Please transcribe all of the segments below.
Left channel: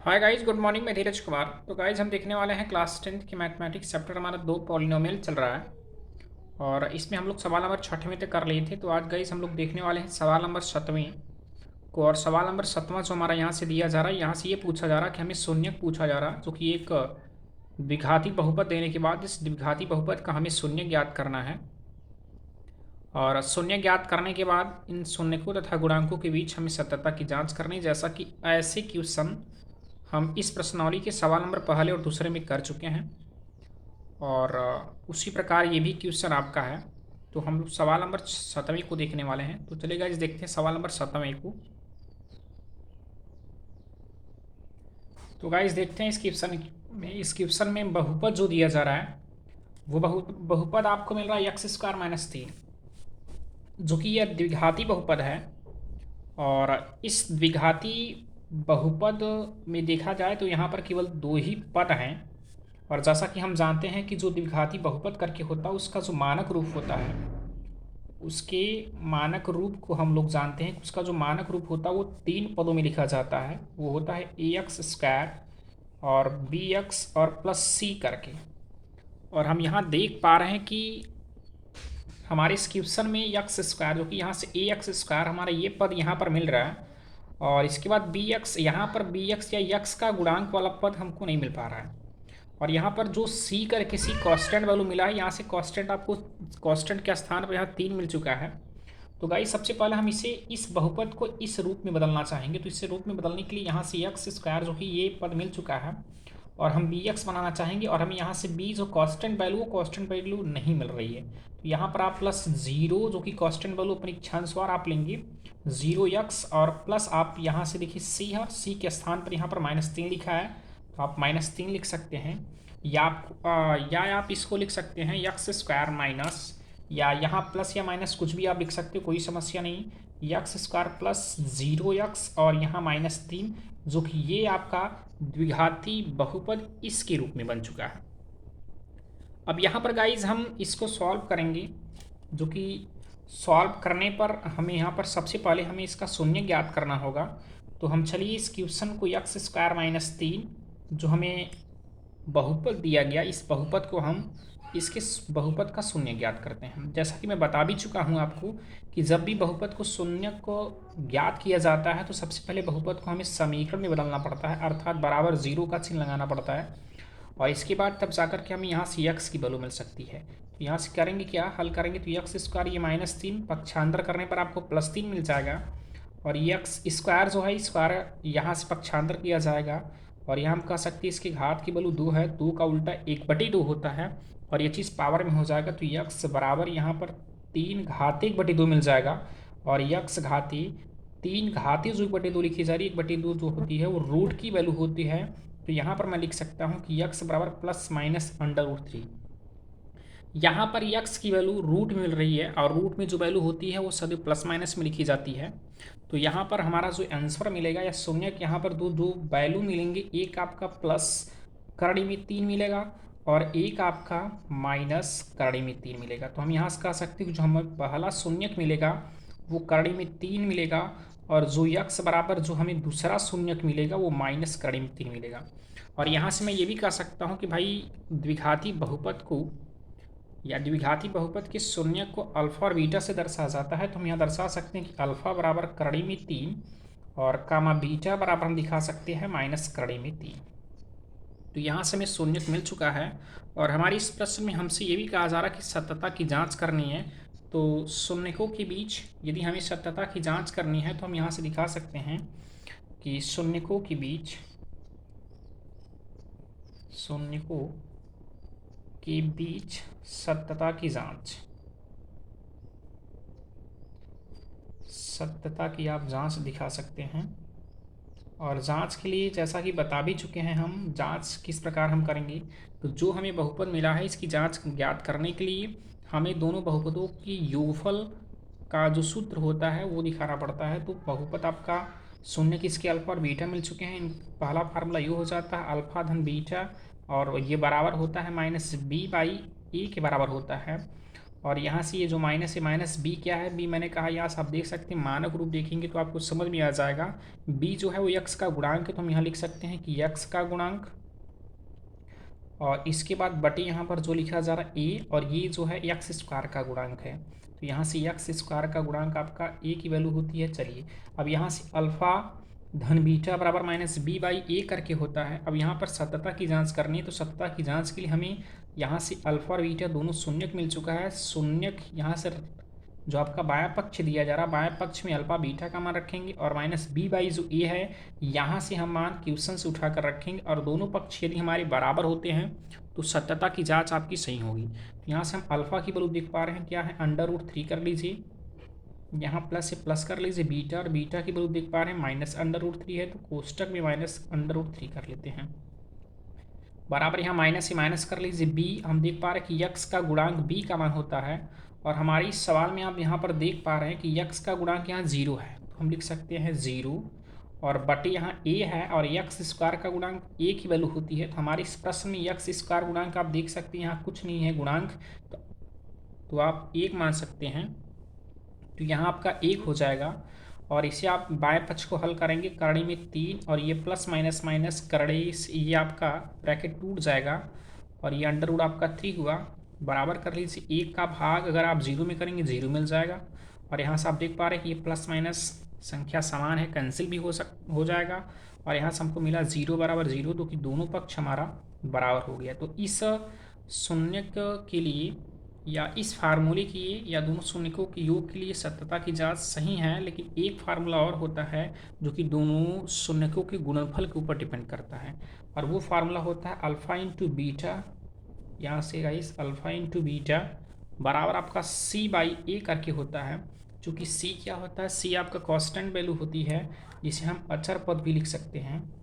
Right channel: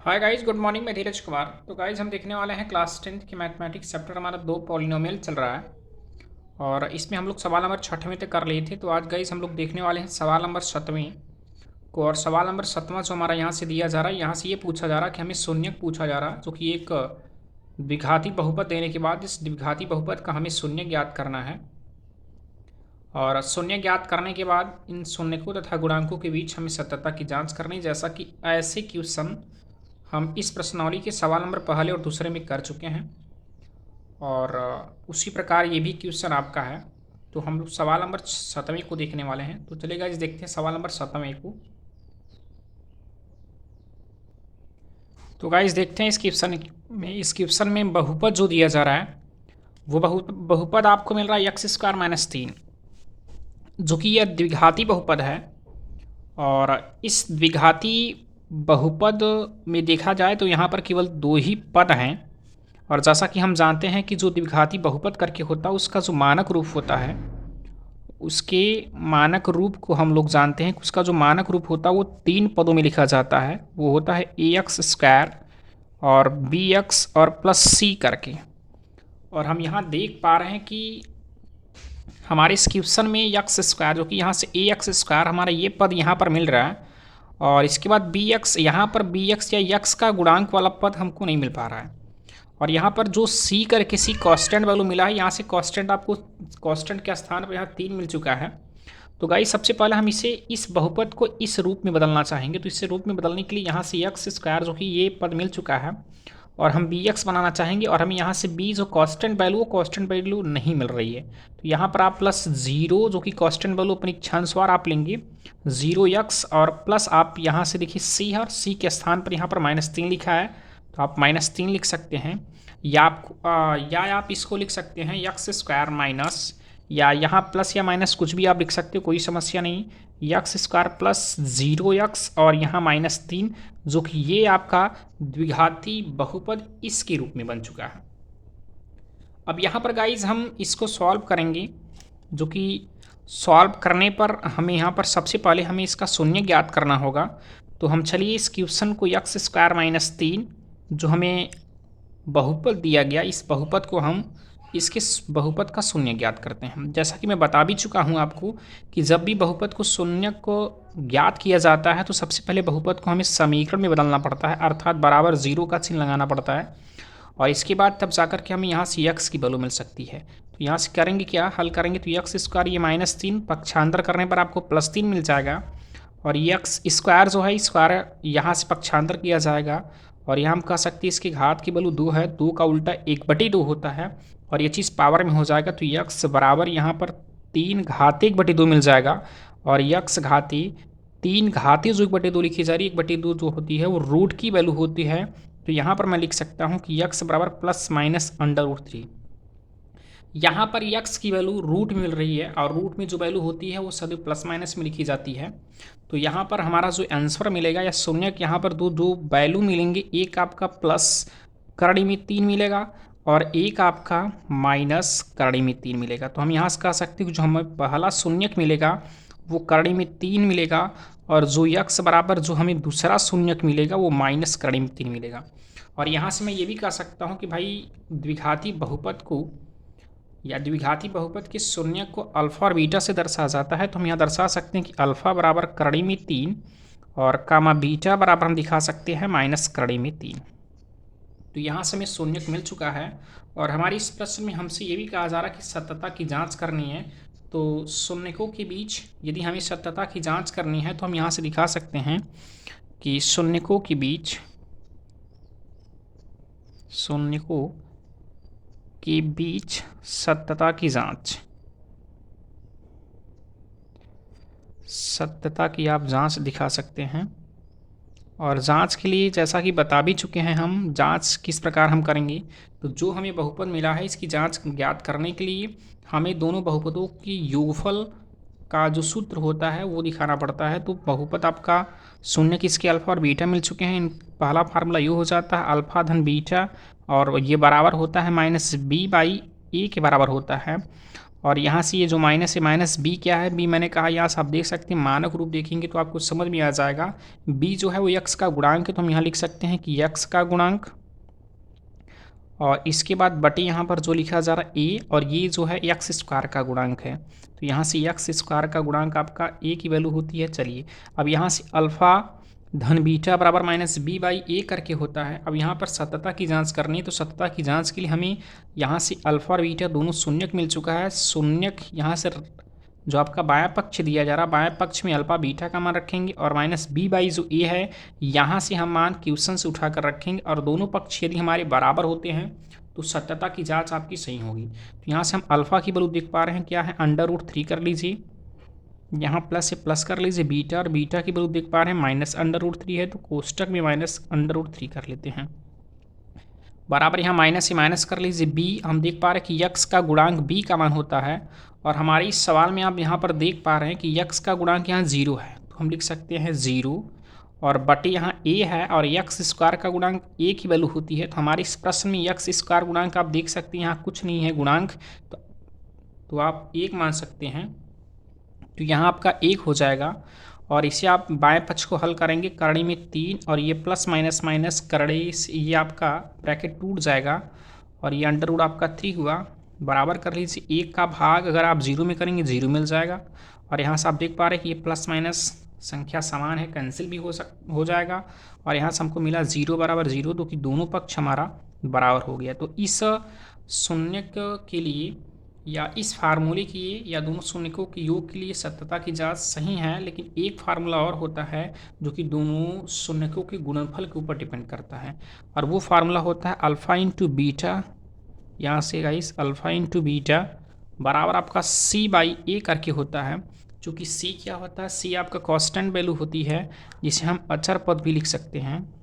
Hi guys, good morning. मैं धीरज कुमार। तो guys हम देखने वाले हैं क्लास 10th की मैथमेटिक्स चैप्टर। हमारा 2 पॉलिनोमियल चल रहा है और इसमें हम लोग सवाल नंबर 6वें तक कर लिए थे। तो आज गाइस हम लोग देखने वाले हैं सवाल नंबर 7वें को। और सवाल नंबर 7वां जो हमारा यहाँ से दिया जा रहा है, यहाँ से ये पूछा जा रहा है कि हमें शून्यक पूछा जा रहा है, जो कि एक द्विघाती बहुपद देने के बाद इस द्विघाती बहुपद का हमें शून्य ज्ञात करना है। और शून्य ज्ञात करने के बाद इन शून्यकों तथा गुणांकों के बीच हमें सत्यता की जांच करनी, जैसा कि ऐसे क्वेश्चन हम इस प्रश्नावली के सवाल नंबर पहले और दूसरे में कर चुके हैं। और उसी प्रकार ये भी क्वेश्चन आपका है। तो हम लोग सवाल नंबर 7वें को देखने वाले हैं। तो चलिए गाइस देखते हैं सवाल नंबर 7वें को। तो गाइस देखते हैं इस क्वेश्चन में बहुपद जो दिया जा रहा है, वो बहुपद आपको मिल रहा है एक्स स्क्वायर माइनस 3, जो कि यह द्विघाती बहुपद है। और इस द्विघाती बहुपद में देखा जाए तो यहाँ पर केवल दो ही पद हैं। और जैसा कि हम जानते हैं कि जो द्विघाती बहुपद करके होता है, उसका जो मानक रूप होता है, उसके मानक रूप को हम लोग जानते हैं कि उसका जो मानक रूप होता है वो 3 पदों में लिखा जाता है। वो होता है ए एक्स स्क्वायर और बी एक्स और प्लस सी करके। और हम यहाँ देख पा रहे हैं कि हमारे इस क्वेश्चन में एक्स स्क्वायर, जो कि यहाँ से ए एक्स स्क्वायर हमारा ये पद यहाँ पर मिल रहा है। और इसके बाद बी एक्स, यहाँ पर बी एक्स या यक्स का गुणांक वाला पद हमको नहीं मिल पा रहा है। और यहाँ पर जो सी करके सी कांस्टेंट वैल्यू मिला है, यहाँ से कांस्टेंट आपको कांस्टेंट के स्थान पर यहाँ 3 मिल चुका है। तो गाइस सबसे पहले हम इसे इस बहुपद को इस रूप में बदलना चाहेंगे। तो इसे रूप में बदलने के लिए यहाँ से एक्स स्क्वायर, जो कि ये पद मिल चुका है, और हम बी एक्स बनाना चाहेंगे। और हमें यहाँ से बी जो कांस्टेंट वैल्यू, वो कांस्टेंट वैल्यू नहीं मिल रही है। तो यहाँ पर आप प्लस जीरो, जो कि कांस्टेंट वैल्यू अपनी क्षणस्वार आप लेंगे 0x, और प्लस आप यहाँ से देखिए सी है, और सी के स्थान पर यहाँ पर -3 लिखा है, तो आप -3 लिख सकते हैं। या आप इसको लिख सकते हैं एक्स स्क्वायर माइनस, या यहाँ प्लस या माइनस कुछ भी आप लिख सकते हो, कोई समस्या नहीं। एक्स स्क्वायर प्लस 0x और यहाँ -3, जो कि ये आपका द्विघाती बहुपद इसके रूप में बन चुका है। अब यहाँ पर गाइज हम इसको सॉल्व करेंगे, जो कि सॉल्व करने पर हमें यहाँ पर सबसे पहले हमें इसका शून्य ज्ञात करना होगा। तो हम चलिए इस क्वेश्चन को एक्स स्क्वायर माइनस 3 जो हमें बहुपद दिया गया, इस बहुपद को हम इसके बहुपद का शून्य ज्ञात करते हैं। जैसा कि मैं बता भी चुका हूँ आपको कि जब भी बहुपद को शून्य को ज्ञात किया जाता है, तो सबसे पहले बहुपद को हमें समीकरण में बदलना पड़ता है, अर्थात बराबर 0 का चिन्ह लगाना पड़ता है। और इसके बाद तब जाकर के हमें यहाँ से एक्स की वैल्यू मिल सकती है। तो यहाँ से करेंगे क्या, हल करेंगे तो एक्स स्क्वायर ये -3 पक्षांतर करने पर आपको +3 मिल जाएगा। और एक्स स्क्वायर जो है, स्क्वायर यहाँ से पक्षांतर किया जाएगा, और यहाँ हम कह सकते हैं इसकी घात की वैल्यू 2 है, 2 का उल्टा 1/2 होता है, और ये चीज़ पावर में हो जाएगा। तो एक्स बराबर यहाँ पर 3 घात 1/2 मिल जाएगा। और एक्स घाती 3 घाती जो 1/2 लिखी जा रही है, 1/2 जो होती है वो रूट की वैल्यू होती है। तो यहाँ पर मैं लिख सकता हूँ कि x बराबर ±√3। यहाँ पर x की वैल्यू रूट में मिल रही है, और रूट में जो वैल्यू होती है वो सदैव प्लस माइनस में लिखी जाती है। तो यहाँ पर हमारा जो आंसर मिलेगा या शून्य, यहाँ पर दो वैल्यू मिलेंगे, एक आपका प्लस करड़ी में 3 मिलेगा, और एक आपका माइनस करड़ी में 3 मिलेगा। तो हम यहाँ से कह सकते हैं कि जो हमें पहला शून्यक मिलेगा वो करड़ी में 3 मिलेगा, और जो x बराबर जो हमें दूसरा शून्यक मिलेगा वो माइनस करड़ी में 3 मिलेगा। और यहाँ से मैं ये भी कह सकता हूँ कि भाई द्विघाती बहुपद को या द्विघाती बहुपद के शून्य को अल्फा और बीटा से दर्शाया जाता है। तो हम यहाँ दर्शा सकते हैं कि अल्फा बराबर करड़ी में 3 और कामा बीटा बराबर हम दिखा सकते हैं माइनस करड़ी में 3। तो यहाँ से हमें शून्यक मिल चुका है। और हमारी इस प्रश्न में हमसे ये भी कहा जा रहा है कि सत्यता की जांच करनी है। तो शून्यकों के बीच यदि हमें सत्यता की जांच करनी है, तो हम यहाँ से दिखा सकते हैं कि शून्यकों के बीच सत्यता की आप जांच दिखा सकते हैं। और जांच के लिए जैसा कि बता भी चुके हैं हम, जांच किस प्रकार हम करेंगे। तो जो हमें बहुपद मिला है, इसकी जांच ज्ञात करने के लिए हमें दोनों बहुपदों की योगफल का जो सूत्र होता है वो दिखाना पड़ता है। तो बहुपद आपका शून्य किसके अल्फा और बीटा मिल चुके हैं। पहला फार्मूला यू हो जाता है अल्फा धन बीटा, और ये बराबर होता है -b/a के बराबर होता है। और यहाँ से ये जो माइनस है माइनस बी क्या है, बी मैंने कहा यहाँ से आप देख सकते हैं मानक रूप देखेंगे तो आपको समझ में आ जाएगा। बी जो है वो यक्स का गुणांक है, तो हम यहाँ लिख सकते हैं कि यक्स का गुणांक, और इसके बाद बटे यहाँ पर जो लिखा जा रहा है ए, और ये जो है एक्स स्क्वायर का गुणांक है, तो यहाँ से एक्स स्क्वायर का गुणांक आपका ए की वैल्यू होती है। चलिए अब यहाँ से अल्फ़ा धन बीटा बराबर माइनस बी बाई ए करके होता है। अब यहाँ पर सत्यता की जांच करनी है, तो सत्यता की जांच के लिए हमें यहाँ से अल्फ़ा और बीटा दोनों शून्यक मिल चुका है। शून्यक यहाँ से जो आपका बायां पक्ष दिया जा रहा है, बायां पक्ष में अल्फ़ा बीटा का मान रखेंगे, और माइनस बी बाई जो ए है यहाँ से हम मान क्वेश्चन से उठा कर रखेंगे, और दोनों पक्ष यदि हमारे बराबर होते हैं तो सत्यता की जांच आपकी सही होगी। तो यहाँ से हम अल्फ़ा की वैल्यू देख पा रहे हैं क्या है, √3 कर लीजिए, यहाँ प्लस से प्लस कर लीजिए बीटा, और बीटा की वैल्यू देख पा रहे हैं -√3 है, तो कोष्टक में -√3 कर लेते हैं, बराबर यहाँ माइनस से माइनस कर लीजिए बी। हम देख पा रहे हैं कि यक्स का गुणांक बी का मान होता है, और हमारे इस सवाल में आप यहाँ पर देख पा रहे हैं कि यक्स का गुणांक यहाँ 0 है, तो हम लिख सकते हैं 0, और बटे यहाँ ए है, और यक्स स्क्वायर का गुणांक ए की वैल्यू होती है। तो हमारे इस प्रश्न में यक्स स्क्वायर गुणांक आप देख सकते हैं यहाँ कुछ नहीं है गुणांक, तो आप 1 मान सकते हैं, तो यहाँ आपका 1 हो जाएगा। और इसे आप बाएं पक्ष को हल करेंगे, करड़ी में 3, और ये प्लस माइनस माइनस करड़ी से ये आपका ब्रैकेट टूट जाएगा, और ये अंडर रूट आपका 3 हुआ, बराबर कर लीजिए 1 का भाग अगर आप 0 में करेंगे 0 मिल जाएगा, और यहाँ से आप देख पा रहे हैं कि ये प्लस माइनस संख्या समान है, कैंसिल भी हो जाएगा, और यहाँ से हमको मिला 0 बराबर 0, तो कि दोनों पक्ष हमारा बराबर हो गया। तो इस शून्यक के लिए या इस फार्मूले के लिए या दोनों शून्यकों के योग के लिए सत्यता की जांच सही है, लेकिन एक फार्मूला और होता है जो कि दोनों शून्यकों के गुणनफल के ऊपर डिपेंड करता है, और वो फार्मूला होता है अल्फ़ा इंटू बीटा। यहाँ से गाइस अल्फ़ा इंटू बीटा बराबर आपका सी बाई ए करके होता है। चूँकि सी क्या होता है, सी आपका कांस्टेंट वैल्यू होती है, जिसे हम अचर पद भी लिख सकते हैं,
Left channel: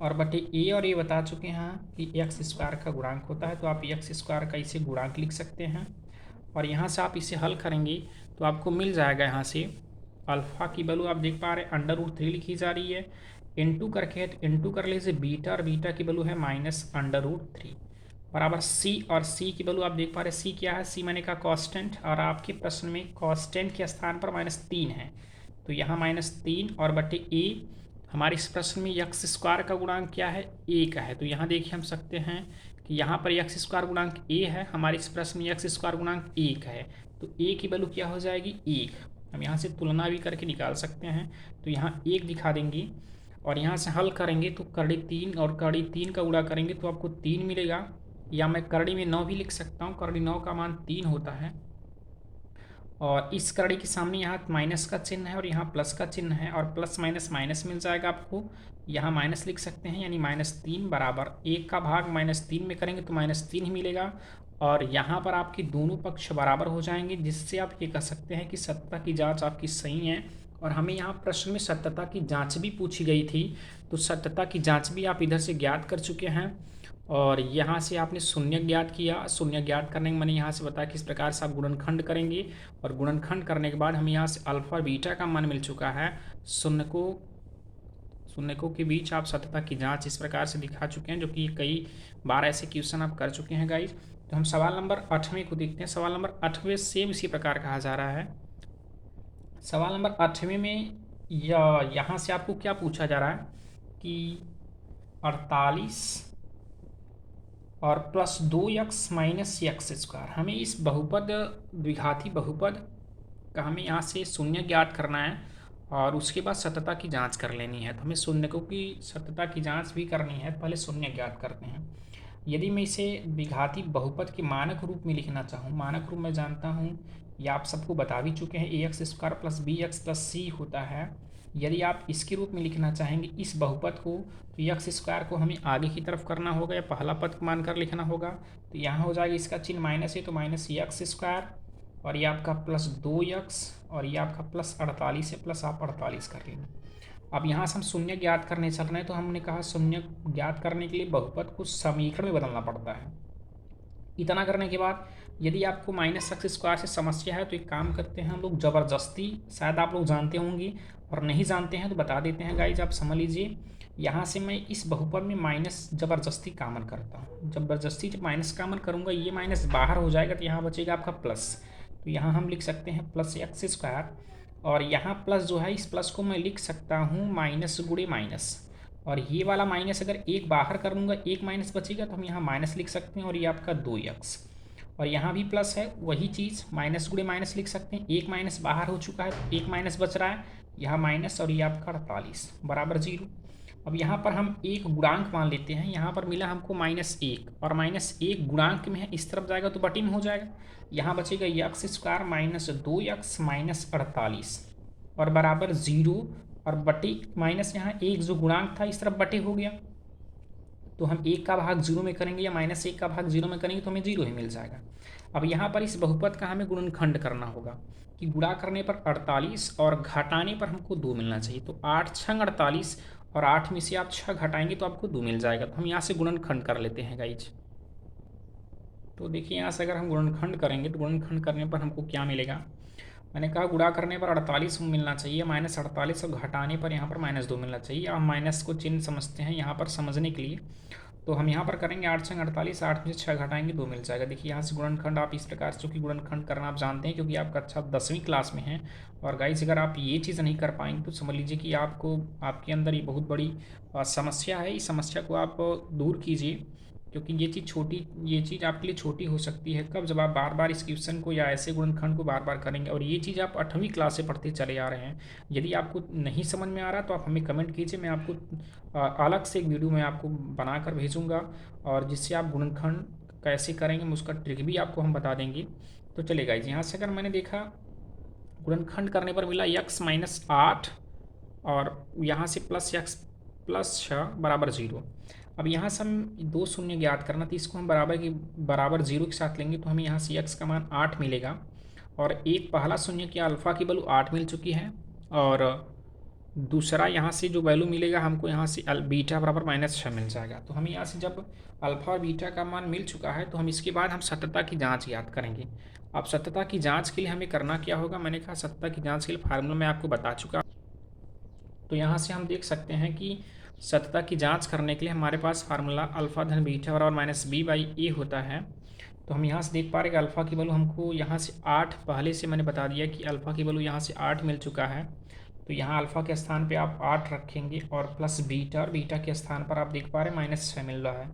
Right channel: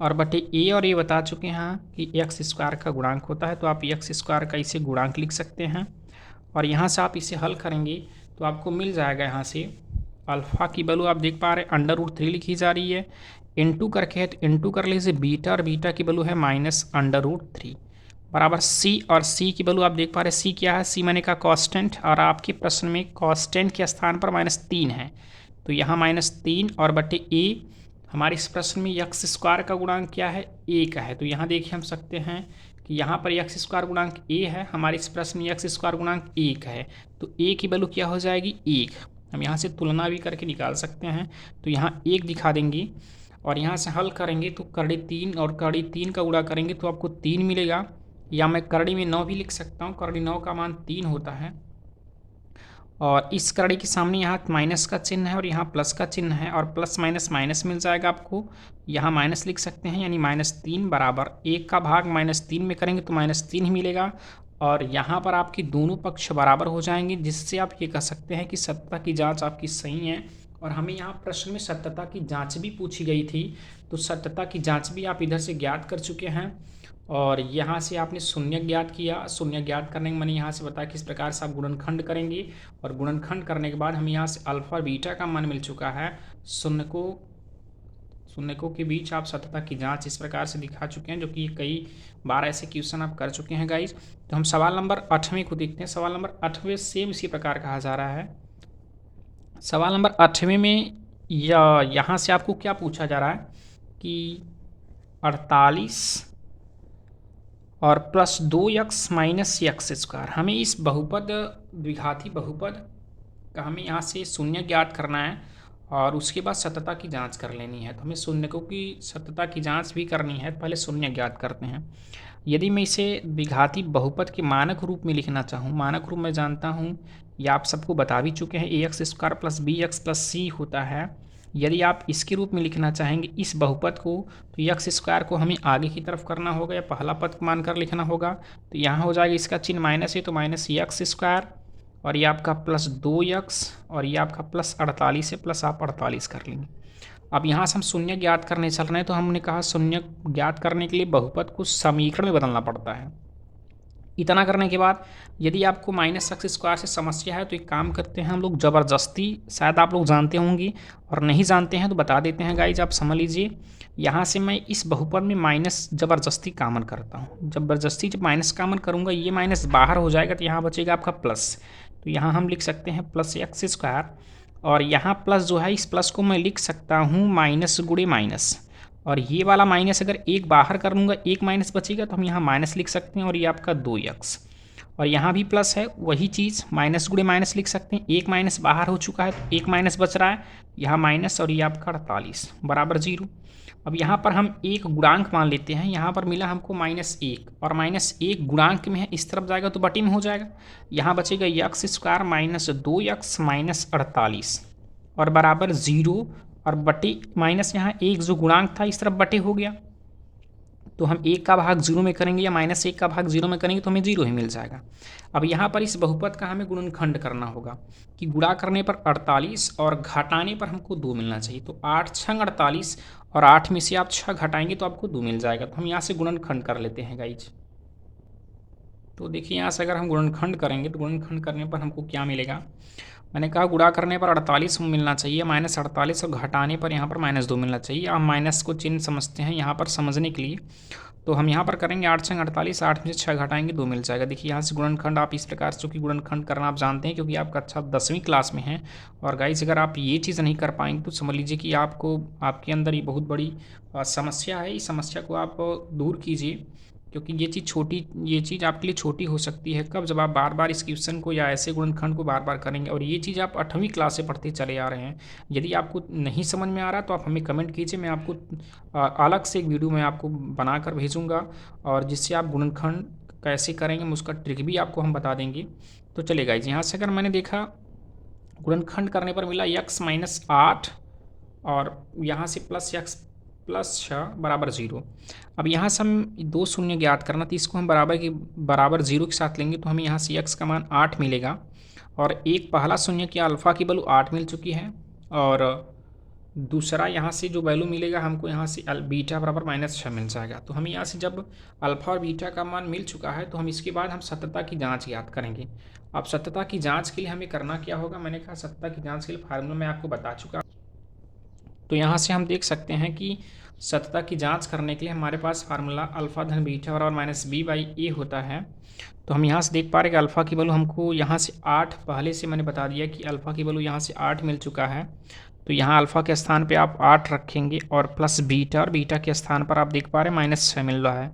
और बटे ए और ए बता चुके हैं कि एक्स स्क्वायर का गुणांक होता है, तो आप एक्स स्क्वायर का इसे गुणांक लिख सकते हैं, और यहाँ से आप इसे हल करेंगे तो आपको मिल जाएगा। यहाँ से अल्फ़ा की वैल्यू आप देख पा रहे हैं √3 लिखी जा रही है, इंटू करके है तो इंटू कर लीजिए बीटा, और बीटा की वैल्यू है -√3 बराबर सी, और सी की वैल्यू आप देख पा रहे हैं सी क्या है, सी मैंने कहा कांस्टेंट, और आपके प्रश्न में कांस्टेंट के स्थान पर -3 है, तो यहाँ -3 और बटे ए। हमारे इस प्रश्न में यक्स स्क्वायर का गुणांक क्या है, ए का है, तो यहाँ देखिए हम सकते हैं कि यहाँ पर यक्स स्क्वायर गुणांक ए है, हमारे इस प्रश्न में यक्स स्क्वायर गुणांक 1 है, तो ए की वैल्यू क्या हो जाएगी 1। हम यहाँ से तुलना भी करके निकाल सकते हैं, तो यहाँ 1 दिखा देंगे, और यहाँ से हल करेंगे तो करड़ी 3 और करड़ी 3 का गुणा करेंगे तो आपको 3 मिलेगा, या मैं करड़ी में 9 भी लिख सकता हूँ, करड़ी 9 का मान 3 होता है, और इस करड़ी के सामने यहाँ माइनस का चिन्ह है और यहाँ प्लस का चिन्ह है, और प्लस माइनस माइनस मिल जाएगा आपको, यहाँ माइनस लिख सकते हैं, यानी -3 बराबर 1 का भाग -3 में करेंगे तो -3 ही मिलेगा, और यहाँ पर आपके दोनों पक्ष बराबर हो जाएंगे, जिससे आप ये कह सकते हैं कि सत्यता की जांच आपकी सही है। और हमें यहाँ प्रश्न में सत्यता की जांच भी पूछी गई थी, तो सत्यता की जांच भी आप इधर से ज्ञात कर चुके हैं, और यहाँ से आपने शून्य ज्ञात किया। शून्य ज्ञात करने के मैंने यहाँ से बताया किस प्रकार से आप गुणनखंड करेंगे, और गुणनखंड करने के बाद हमें यहाँ से अल्फ़ा बीटा का मान मिल चुका है। शून्यकों के बीच आप सत्यता की जांच इस प्रकार से दिखा चुके हैं, जो कि कई बार ऐसे क्वेश्चन आप कर चुके हैं गाइज। तो हम सवाल नंबर 8वें को देखते हैं। सवाल नंबर 8वें सेम इसी प्रकार कहा जा रहा है। सवाल नंबर 8वें में यहाँ से आपको क्या पूछा जा रहा है कि 48 और plus 2x minus x square, हमें इस बहुपद द्विघाती बहुपद का हमें यहाँ से शून्य ज्ञात करना है, और उसके बाद सत्यता की जांच कर लेनी है। तो हमें शून्यकों की सत्यता की जांच भी करनी है, पहले शून्य ज्ञात करते हैं। यदि मैं इसे द्विघाती बहुपद के मानक रूप में लिखना चाहूँ, मानक रूप मैं जानता हूँ, या आप सबको बता भी चुके हैं, ax square plus bx plus c होता है। यदि आप इसके रूप में लिखना चाहेंगे इस बहुपद को, तो एक्स स्क्वायर को हमें आगे की तरफ करना होगा, या पहला पद मानकर लिखना होगा, तो यहाँ हो जाएगा इसका चिन्ह माइनस है, तो माइनस एक्स स्क्वायर, और ये आपका प्लस 2x, और ये आपका प्लस 48 है, प्लस आप 48 कर लेंगे। अब यहाँ से हम शून्य ज्ञात करने चल रहे हैं, तो हमने कहा शून्य ज्ञात करने के लिए बहुपद को समीकरण में बदलना पड़ता है। इतना करने के बाद यदि आपको माइनस एक्स स्क्वायर से समस्या है तो एक काम करते हैं हम लोग ज़बरदस्ती, शायद आप लोग जानते होंगे और नहीं जानते हैं तो बता देते हैं गाइज, आप समझ लीजिए। यहाँ से मैं इस बहुपद में माइनस ज़बरदस्ती कॉमन करता हूँ। ज़बरदस्ती जब माइनस कॉमन करूँगा ये माइनस बाहर हो जाएगा तो यहाँ बचेगा आपका प्लस। तो यहाँ हम लिख सकते हैं प्लस एक्स स्क्वायर, और यहाँ प्लस जो है इस प्लस को मैं लिख सकता हूँ माइनस गुणे माइनस, और ये वाला माइनस अगर एक बाहर कर लूँगा एक माइनस बचेगा तो हम यहाँ माइनस लिख सकते हैं, और ये आपका 2x, और यहाँ भी प्लस है वही चीज़ माइनस गुणे माइनस लिख सकते हैं। एक माइनस बाहर हो चुका है तो एक माइनस बच रहा है, यहाँ माइनस, और ये आपका 48 बराबर 0। अब यहाँ पर हम एक गुणांक मान लेते हैं, यहाँ पर मिला हमको -1, और -1 गुणांक में है, इस तरफ जाएगा तो बटे में हो जाएगा। यहाँ बचेगा x square minus 2x minus 48 और बराबर 0, और बटे माइनस यहाँ एक जो गुणांक था इस तरफ बटे हो गया, तो हम 1 का भाग 0 में करेंगे या -1 का भाग 0 में करेंगे तो हमें 0 ही मिल जाएगा। अब यहाँ पर इस बहुपद का हमें गुणनखंड करना होगा कि गुणा करने पर 48 और घटाने पर हमको 2 मिलना चाहिए। तो 8 छंग 48, और 8 में से आप 6 घटाएंगे तो आपको 2 मिल जाएगा। तो हम यहाँ से गुणनखंड कर लेते हैं गाइज। तो देखिए यहाँ से अगर हम गुणनखंड करेंगे तो गुणनखंड करने पर हमको क्या मिलेगा, मैंने कहा गुणा करने पर 48 मिलना चाहिए, -48, और घटाने पर यहाँ पर -2 मिलना चाहिए। आप माइनस को चिन्ह समझते हैं यहाँ पर समझने के लिए, तो हम यहाँ पर करेंगे 8 छंग 48, 8 में से 6 घटाएंगे 2 मिल जाएगा। देखिए यहाँ से गुणनखंड आप इस प्रकार से, चूँकि गुणनखंड करना आप जानते हैं क्योंकि आप कक्षा 10वीं क्लास में हैं। और गाइस अगर आप ये चीज़ नहीं कर पाएंगे तो समझ लीजिए कि आपको आपके अंदर ये बहुत बड़ी समस्या है। इस समस्या को आप दूर कीजिए, क्योंकि ये चीज़ आपके लिए छोटी हो सकती है कब, जब आप बार बार इस क्वेश्चन को या ऐसे गुणनखंड को बार बार करेंगे। और ये चीज़ आप 8वीं क्लास से पढ़ते चले आ रहे हैं। यदि आपको नहीं समझ में आ रहा तो आप हमें कमेंट कीजिए, मैं आपको अलग से एक वीडियो मैं आपको बनाकर भेजूँगा, और जिससे आप गुणनखंड कैसे करेंगे उसका ट्रिक भी आपको हम बता देंगे। तो चलेगा गाइस, यहाँ से अगर मैंने देखा गुणनखंड करने पर मिला x - 8, और यहाँ से +x + 6 बराबर 0। अब यहाँ से हम 2 शून्य ज्ञात करना, तो इसको हम बराबर 0 के साथ लेंगे तो हमें यहाँ से x का मान 8 मिलेगा, और एक पहला शून्य की अल्फ़ा की वैल्यू 8 मिल चुकी है, और दूसरा यहाँ से जो वैल्यू मिलेगा हमको यहाँ से बीटा बराबर -6 मिल जाएगा। तो हमें यहाँ से जब अल्फ़ा और बीटा का मान मिल चुका है तो हम इसके बाद हम सत्यता की जाँच याद करेंगे। अब सत्यता की जाँच के लिए हमें करना क्या होगा, मैंने कहा सत्यता की जाँच के लिए फार्मूला मैं आपको बता चुका। तो यहाँ से हम देख सकते हैं कि सत्यता की जांच करने के लिए हमारे पास फार्मूला अल्फ़ा धन बीटा बराबर -b/a होता है। तो हम यहाँ से देख पा रहे हैं कि अल्फ़ा की वैल्यू हमको यहाँ से 8, पहले से मैंने बता दिया कि अल्फ़ा की वैल्यू यहाँ से 8 मिल चुका है। तो यहाँ अल्फ़ा के स्थान पे आप 8 रखेंगे, और प्लस बीटा, और बीटा के स्थान पर आप देख पा रहे हैं -6 मिल रहा है,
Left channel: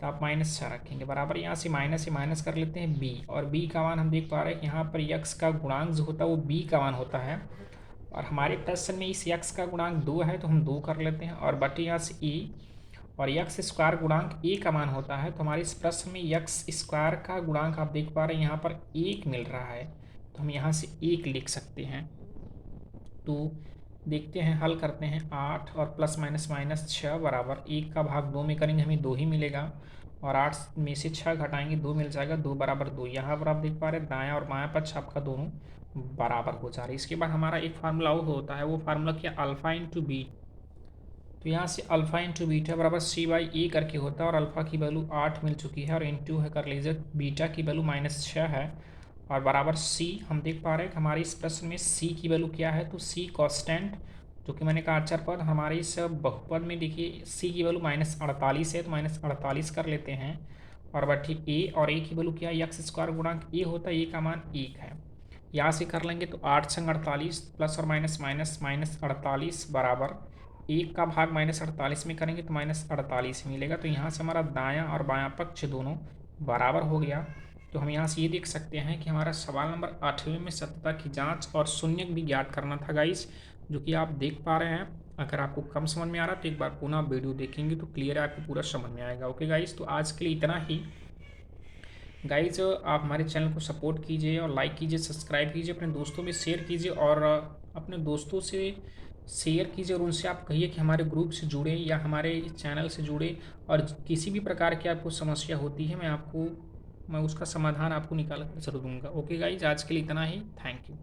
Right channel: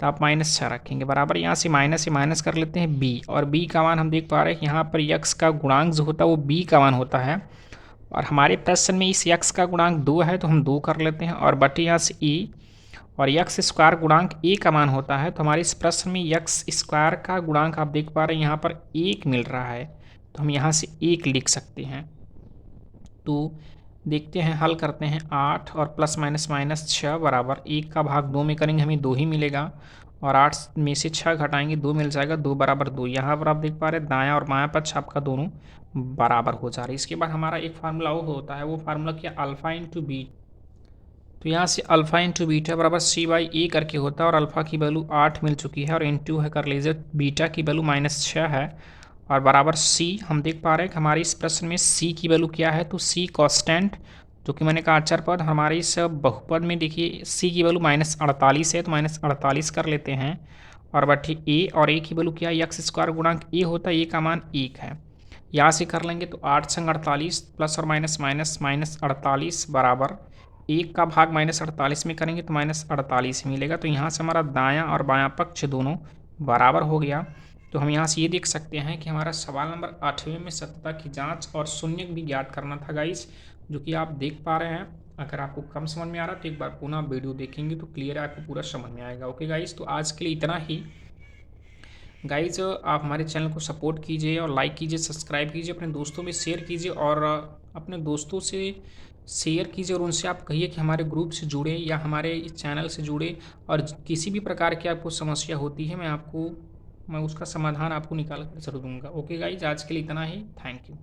तो आप -6 रखेंगे बराबर। यहाँ से माइनस से माइनस कर लेते हैं b, और b का मान हम देख पा रहे हैं कि यहाँ पर x का गुणांक जो होता है वो b का मान होता है, और हमारे प्रश्न में इस x का गुणांक 2 है तो हम 2 कर लेते हैं, और बटे यहाँ से e, और x स्क्वायर गुणांक a का मान होता है। तो हमारे इस प्रश्न में x स्क्वायर का गुणांक आप देख पा रहे हैं यहाँ पर 1 मिल रहा है, तो हम यहाँ से 1 लिख सकते हैं। तो देखते हैं, हल करते हैं। 8 और +- 6 बराबर 1 का भाग 2 में करेंगे हमें 2 ही मिलेगा, और 8 में से 6 घटाएंगे 2 मिल जाएगा, 2 बराबर 2। यहाँ पर आप देख पा रहे हैं दायां और बायां पक्ष आपका दोनों बराबर हो जा रहा है। इसके बाद हमारा एक फार्मूला वो होता है, वो फार्मूला क्या, अल्फ़ा इंटू बी। तो यहाँ से अल्फ़ा इंटू बीटा बराबर c/a करके होता है, और अल्फ़ा की वैल्यू 8 मिल चुकी है, और इंटू है कर लीजिए बीटा की वैल्यू -6 है, और बराबर c। हम देख पा रहे हैं कि हमारे इस प्रश्न में c की वैल्यू क्या है, तो c कांस्टेंट, जो कि मैंने कहा अचर पद। हमारे इस बहुपद में देखिए c की वैल्यू -48 है, तो -48 कर लेते हैं, और बटे a, और a की वैल्यू क्या है, एक्स स्क्वायर गुणांक a होता है, a का मान 1 है। यहाँ से कर लेंगे तो 8 छंग 48 प्लस और माइनस -48 बराबर 1 का भाग -48 में करेंगे तो -48 मिलेगा। तो यहाँ से हमारा दायां और बायां पक्ष दोनों बराबर हो गया। तो हम यहाँ से ये देख सकते हैं कि हमारा सवाल नंबर 8वें में सत्यता की जांच और शून्य भी ज्ञात करना था गाइस, जो कि आप देख पा रहे हैं। अगर आपको कम समझ में आ रहा है तो एक बार पुनः वीडियो देखेंगे तो क्लियर है, आपको पूरा समझ में आएगा। ओके गाइस, तो आज के लिए इतना ही। गाइज आप हमारे चैनल को सपोर्ट कीजिए और लाइक कीजिए, सब्सक्राइब कीजिए, अपने दोस्तों में शेयर कीजिए, और अपने दोस्तों से शेयर कीजिए, और उनसे आप कहिए कि हमारे ग्रुप से जुड़े या हमारे चैनल से जुड़े, और किसी भी प्रकार की आपको समस्या होती है मैं उसका समाधान आपको निकाल कर जरूर दूंगा। ओके गाइज, आज के लिए इतना ही। Thank you.